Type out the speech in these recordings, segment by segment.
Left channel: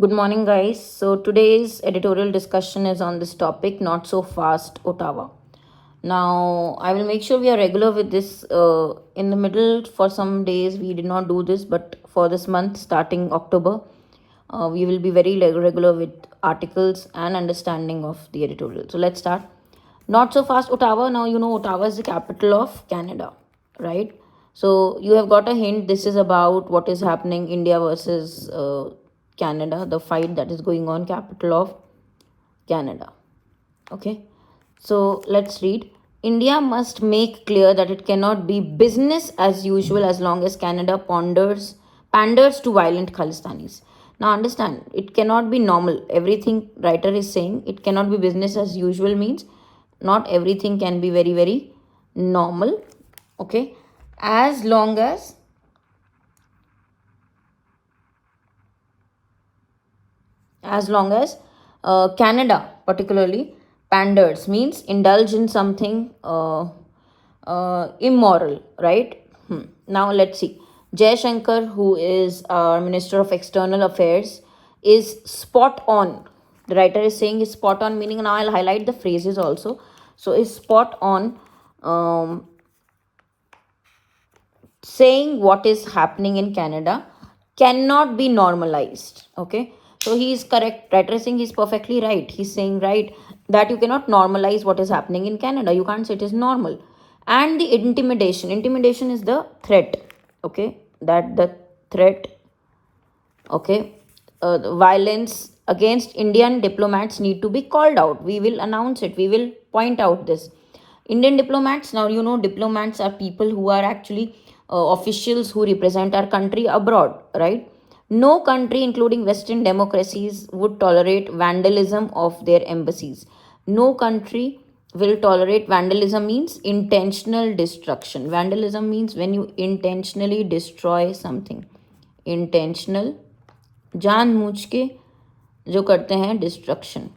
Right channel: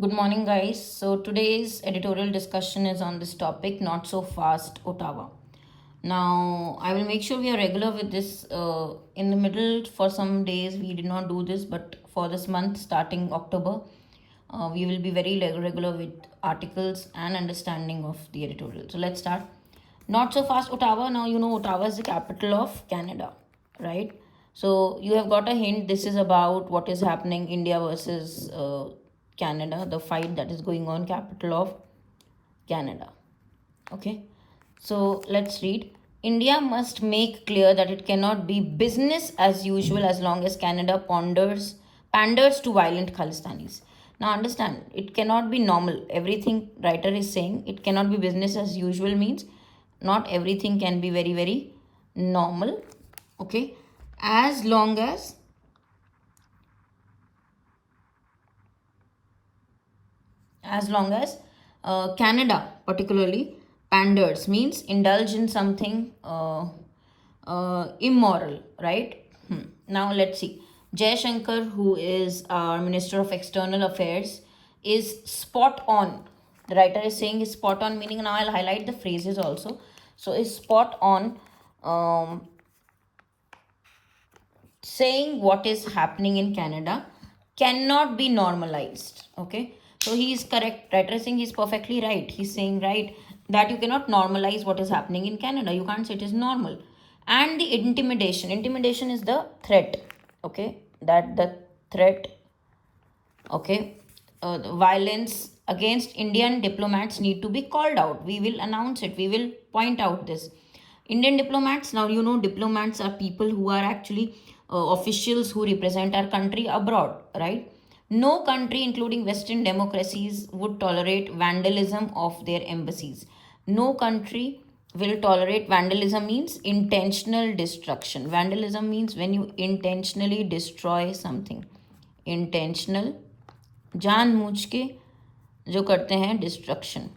Good morning, guys. So, today's editorial discussion is on this topic, not so fast, Ottawa. Now, I will make sure we are regular with this. In the middle, for some days, we did not do this, but for this month, starting October, we will be very regular with articles and understanding of the editorial. So, let's start. Not so fast, Ottawa. Now, you know, Ottawa is the capital of Canada, right? So, you have got a hint. This is about what is happening India versus Canada, the fight that is going on, capital of Canada. Okay, so let's read. India must make clear that it cannot be business as usual as long as Canada panders to violent Khalistanis. Now understand, it cannot be normal. Everything writer is saying it cannot be business as usual means not everything can be very, very normal. Okay, as long as Canada particularly panders means indulge in something immoral, right? Now let's see. Jay Shankar, who is our Minister of External Affairs, is spot on. The writer is saying is spot on, meaning now I'll highlight the phrases also. So is spot on, saying what is happening in Canada cannot be normalized. Okay, so he is correct. Writer is saying he's perfectly right. He's saying right that you cannot normalize what is happening in Canada. You can't say it is normal. And the intimidation is the threat. Okay, that the threat. Okay, violence against Indian diplomats need to be called out. We will announce it. We will point out this. Indian diplomats, now you know, diplomats are people who are actually officials who represent our country abroad, right? No country, including Western democracies, would tolerate vandalism of their embassies. No country will tolerate vandalism means intentional destruction. Vandalism means when you intentionally destroy something. Intentional, जानबूझ के जो करते हैं destruction.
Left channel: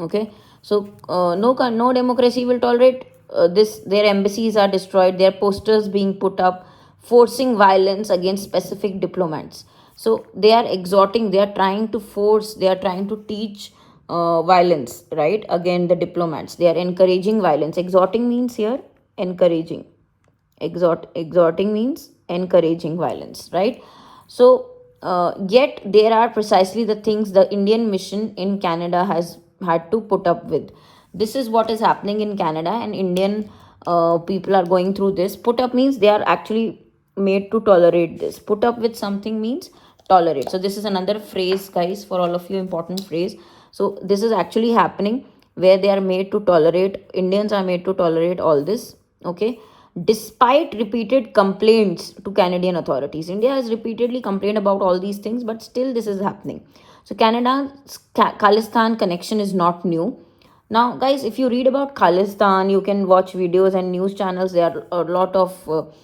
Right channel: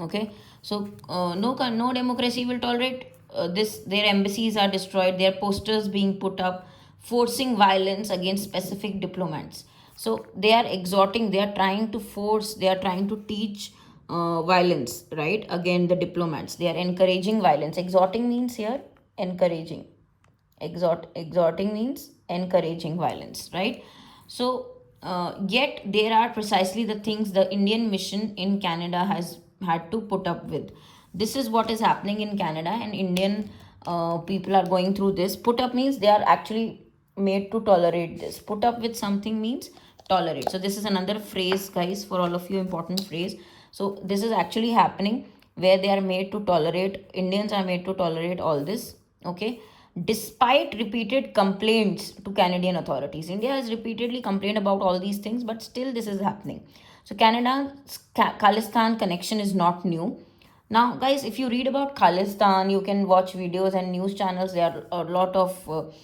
Okay, so no democracy will tolerate this. Their embassies are destroyed, their posters being put up forcing violence against specific diplomats. So they are exhorting, they are trying to force, they are trying to teach violence, right, again the diplomats. They are encouraging violence. Exhorting means here encouraging. Exhorting means encouraging violence, right? So yet there are precisely the things the Indian mission in Canada has had to put up with. This is what is happening in Canada, and Indian people are going through this. Put up means they are actually made to tolerate this. Put up with something means tolerate. So this is another phrase, guys, for all of you, important phrase. So this is actually happening where they are made to tolerate, Indians are made to tolerate all this. Okay, despite repeated complaints to Canadian authorities. India has repeatedly complained about all these things, but still this is happening. So Canada's Khalistan connection is not new. Now, guys, if you read about Khalistan, you can watch videos and news channels. There are a lot of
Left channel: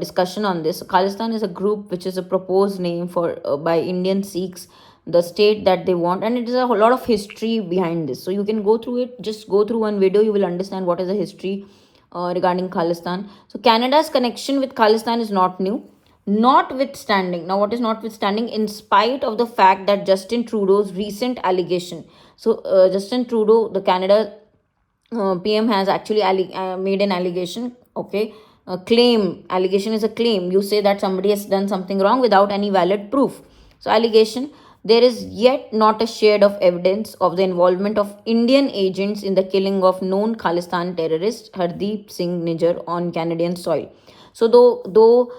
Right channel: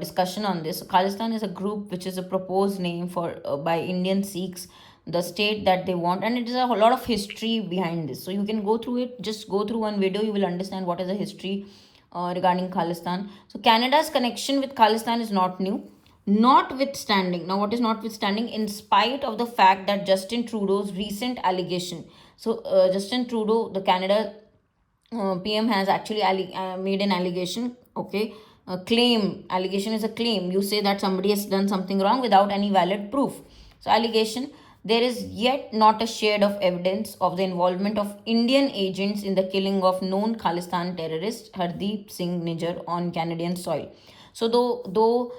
discussion on this. So Khalistan is a group which is a proposed name for by Indian Sikhs, the state that they want, and it is a whole lot of history behind this. So you can go through it. Just go through one video, you will understand what is the history regarding Khalistan. So Canada's connection with Khalistan is not new. Notwithstanding, now what is notwithstanding? In spite of the fact that Justin Trudeau's recent allegation. So Justin Trudeau, the Canada PM, has actually made an allegation. Okay, a claim. Allegation is a claim. You say that somebody has done something wrong without any valid proof. So allegation. There is yet not a shred of evidence of the involvement of Indian agents in the killing of known Khalistan terrorist Hardeep Singh Nijjar on Canadian soil. So though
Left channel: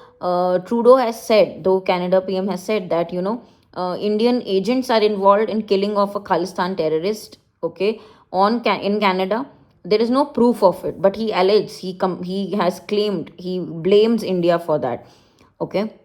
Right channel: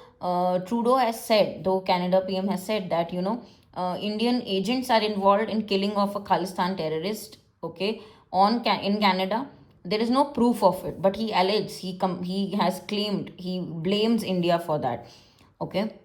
Trudeau has said, though Canada PM has said that Indian agents are involved in killing of a Khalistan terrorist, okay, in Canada, there is no proof of it. But he alleges, he has claimed, he blames India for that. Okay.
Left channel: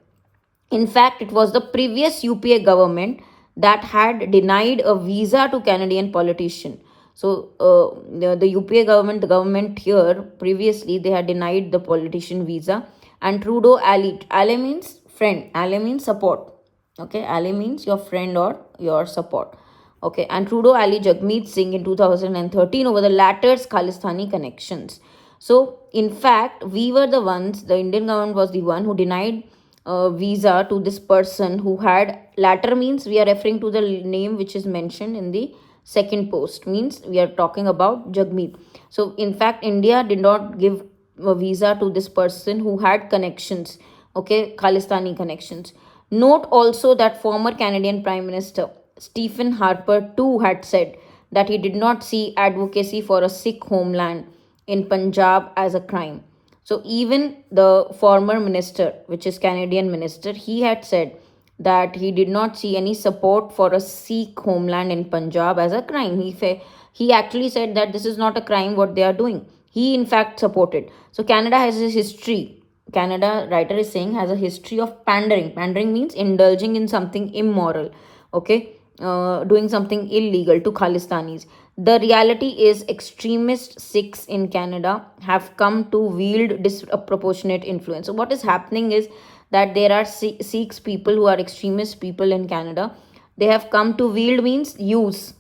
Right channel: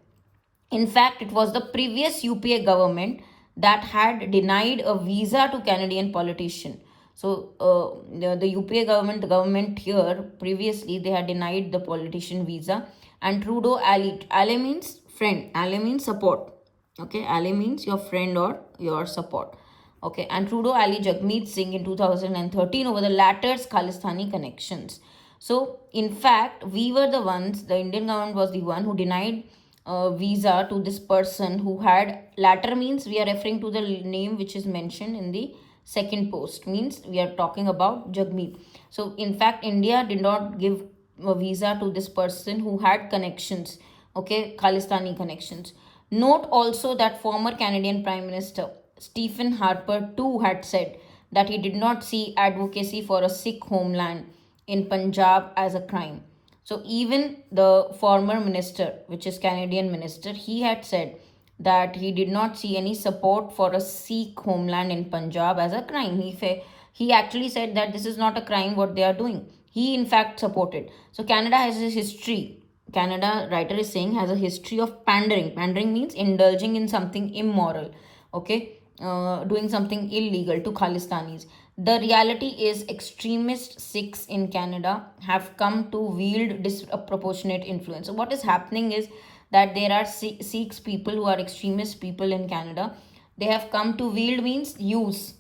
In fact, it was the previous UPA government that had denied a visa to Canadian politician. So the UPA government, the government here previously, they had denied the politician visa, and Trudeau allied. Ally means friend. Ally means support. Okay, ally means your friend or your support. Okay, and Trudeau allied Jagmeet Singh in 2013 over the latter's Khalistani connections. So in fact, we were the ones. The Indian government was the one who denied visa to this person who had Latter means we are referring to the name which is mentioned in the second post, means we are talking about Jagmeet. So in fact, India did not give a visa to this person who had connections, okay, Khalistani connections. Note also that former Canadian Prime Minister Stephen Harper too had said that he did not see advocacy for a Sikh homeland in Punjab as a crime. So even the former minister, which is Canadian minister, he had said that he did not see any support for a Sikh homeland in Punjab as a crime. He actually said that this is not a crime what they are doing. He in fact supported. So Canada has a history. Canada writer is saying has a history of pandering. Pandering means indulging in something immoral. Okay, doing something illegal to Khalistanis. The reality is, extremist Sikhs in Canada have come to wield disproportionate influence. So, what is happening is that there are Sikhs people who are extremist people in Canada. They have come to wield means use.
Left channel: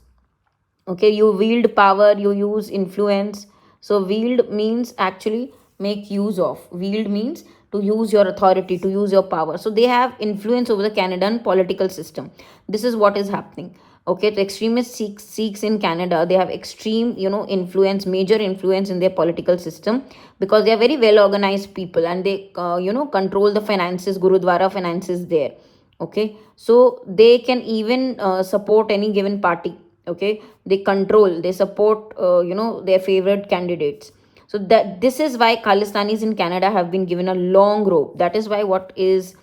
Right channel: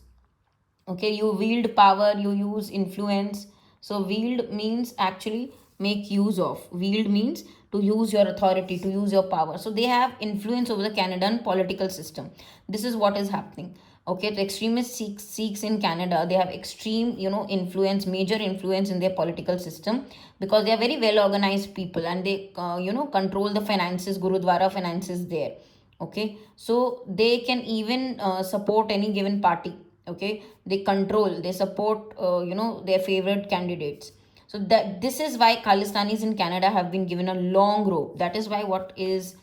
Okay, you wield power, you use influence. So wield means actually make use of. Wield means to use your authority, to use your power. So they have influence over the Canadian political system. This is what is happening. Okay, the extremist Sikhs in Canada, they have extreme, influence, major influence in their political system, because they are very well organized people, and they, control the finances, Gurudwara finances there. Okay, so they can even support any given party. Okay, they control, they support, their favorite candidates. So that this is why Khalistanis in Canada have been given a long rope. That is why what is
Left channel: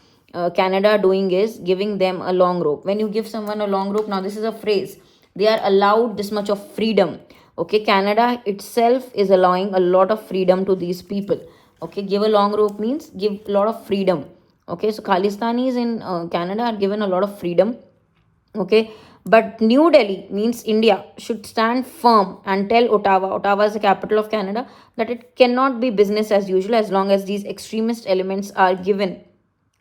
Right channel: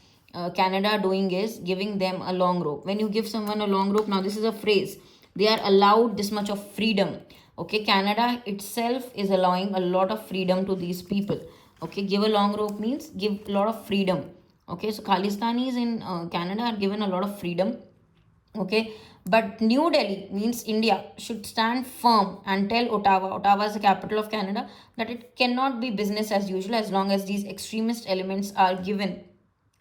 Canada doing is giving them a long rope. When you give someone a long rope, now this is a phrase, they are allowed this much of freedom. Okay, Canada itself is allowing a lot of freedom to these people. Okay, give a long rope means give a lot of freedom. Okay, so Khalistanis in Canada are given a lot of freedom. Okay, but New Delhi means India should stand firm and tell Ottawa is the capital of Canada, that it cannot be business as usual as long as these extremist elements are given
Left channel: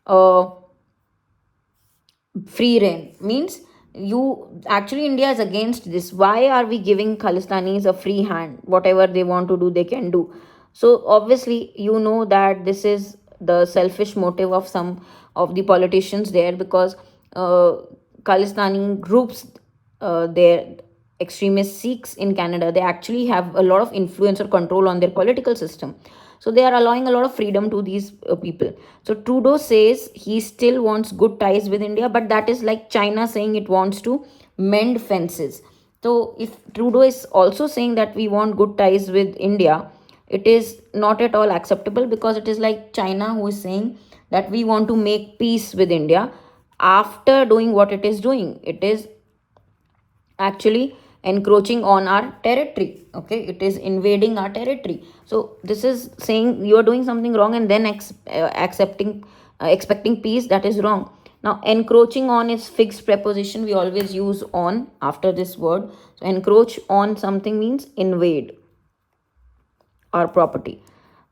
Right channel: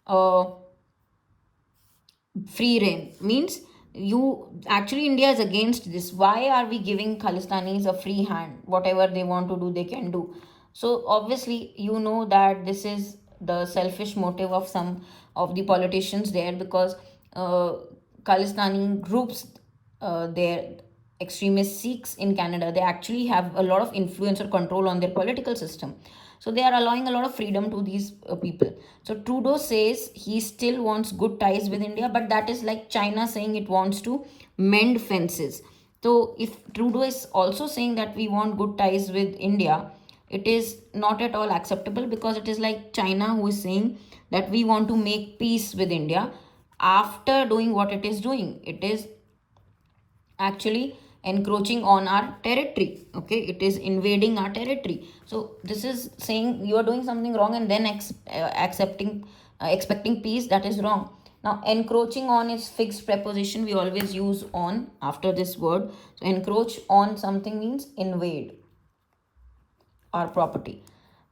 uh, free reign. Means you actually, India is against this. Why are we giving Khalistanis a free hand? Whatever they want to do, they can do. So obviously, that this is the selfish motive of some of the politicians there, because Khalistani groups, their extremist Sikhs in Canada, they actually have a lot of influence or control on their political system. So they are allowing a lot of freedom to these people. So Trudeau says he still wants good ties with India, but that is like China saying it wants to mend fences. So if Trudeau is also saying that we want good ties with India, it is not at all acceptable, because it is like China who is saying that we want to make peace with India after doing what it is doing. It is actually encroaching on our territory. Okay, it is invading our territory. So this is saying you are doing something wrong and then expecting peace. That is wrong. Now encroaching on is fixed preposition, we always use on after this word. So encroach on something means invade our property,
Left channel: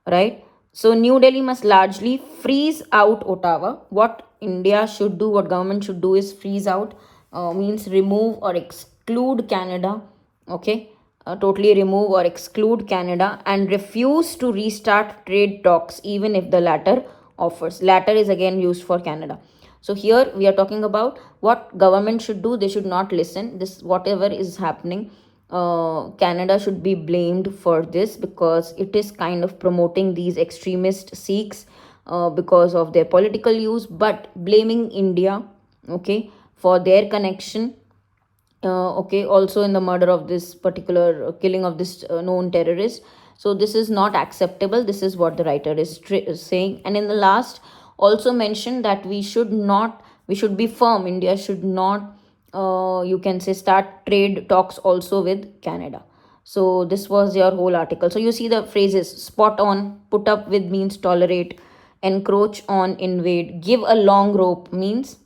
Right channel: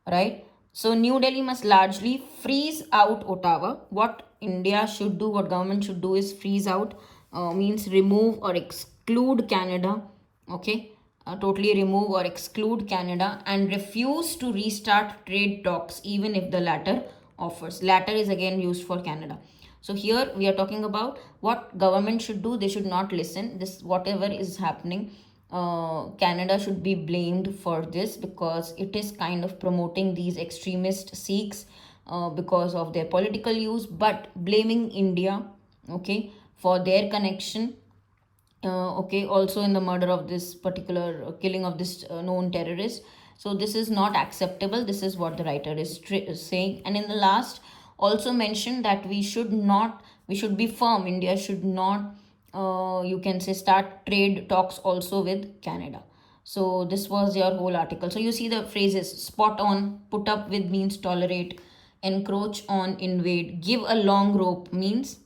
right? So New Delhi must largely freeze out Ottawa. What India should do, what government should do is freeze out, means remove or exclude Canada. Okay, totally remove or exclude Canada, and refuse to restart trade talks even if the latter offers. Latter is again used for Canada. So here we are talking about what government should do. They should not listen. This whatever is happening, Canada should be blamed for this, because it is kind of promoting these extremist Sikhs because of their political use, but blaming India, okay, for their connection. Okay, also in the murder of this particular killing of this known terrorist. So this is not acceptable. This is what the writer is saying. And in the last, also mentioned that we should be firm. India should not, you can say, start trade talks also with Canada. So this was your whole article. So you see the phrases: spot on, put up with means tolerate, encroach on, invade, give a long rope means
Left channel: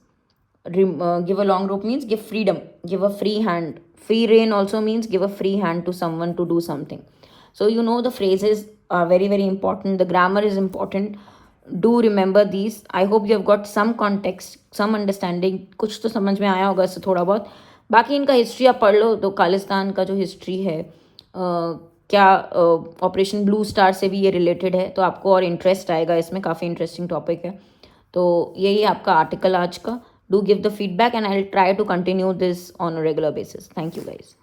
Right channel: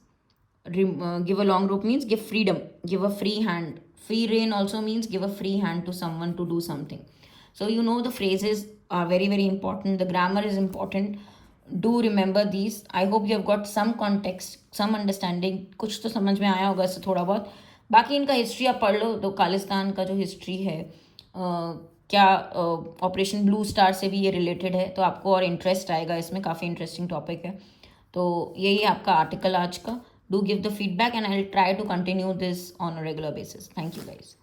give a long rope means give freedom, give a free hand. Free reign also means give a free hand to someone to do something. So the phrases are very very important. The grammar is important. Do remember these. I hope you have got some context, some understanding. कुछ तो समझ में आया होगा इससे थोड़ा बहुत. बाकी इनका हिस्ट्री आप पढ़ लो तो खालिस्तान का जो हिस्ट्री है, क्या ऑपरेशन ब्लू स्टार से भी ये रिलेटेड है, तो आपको और इंटरेस्ट आएगा इसमें. काफ़ी इंटरेस्टिंग टॉपिक है. तो यही आपका आर्टिकल आज का. do give the feedback, and I'll try to continue this on a regular basis. Thank you, guys.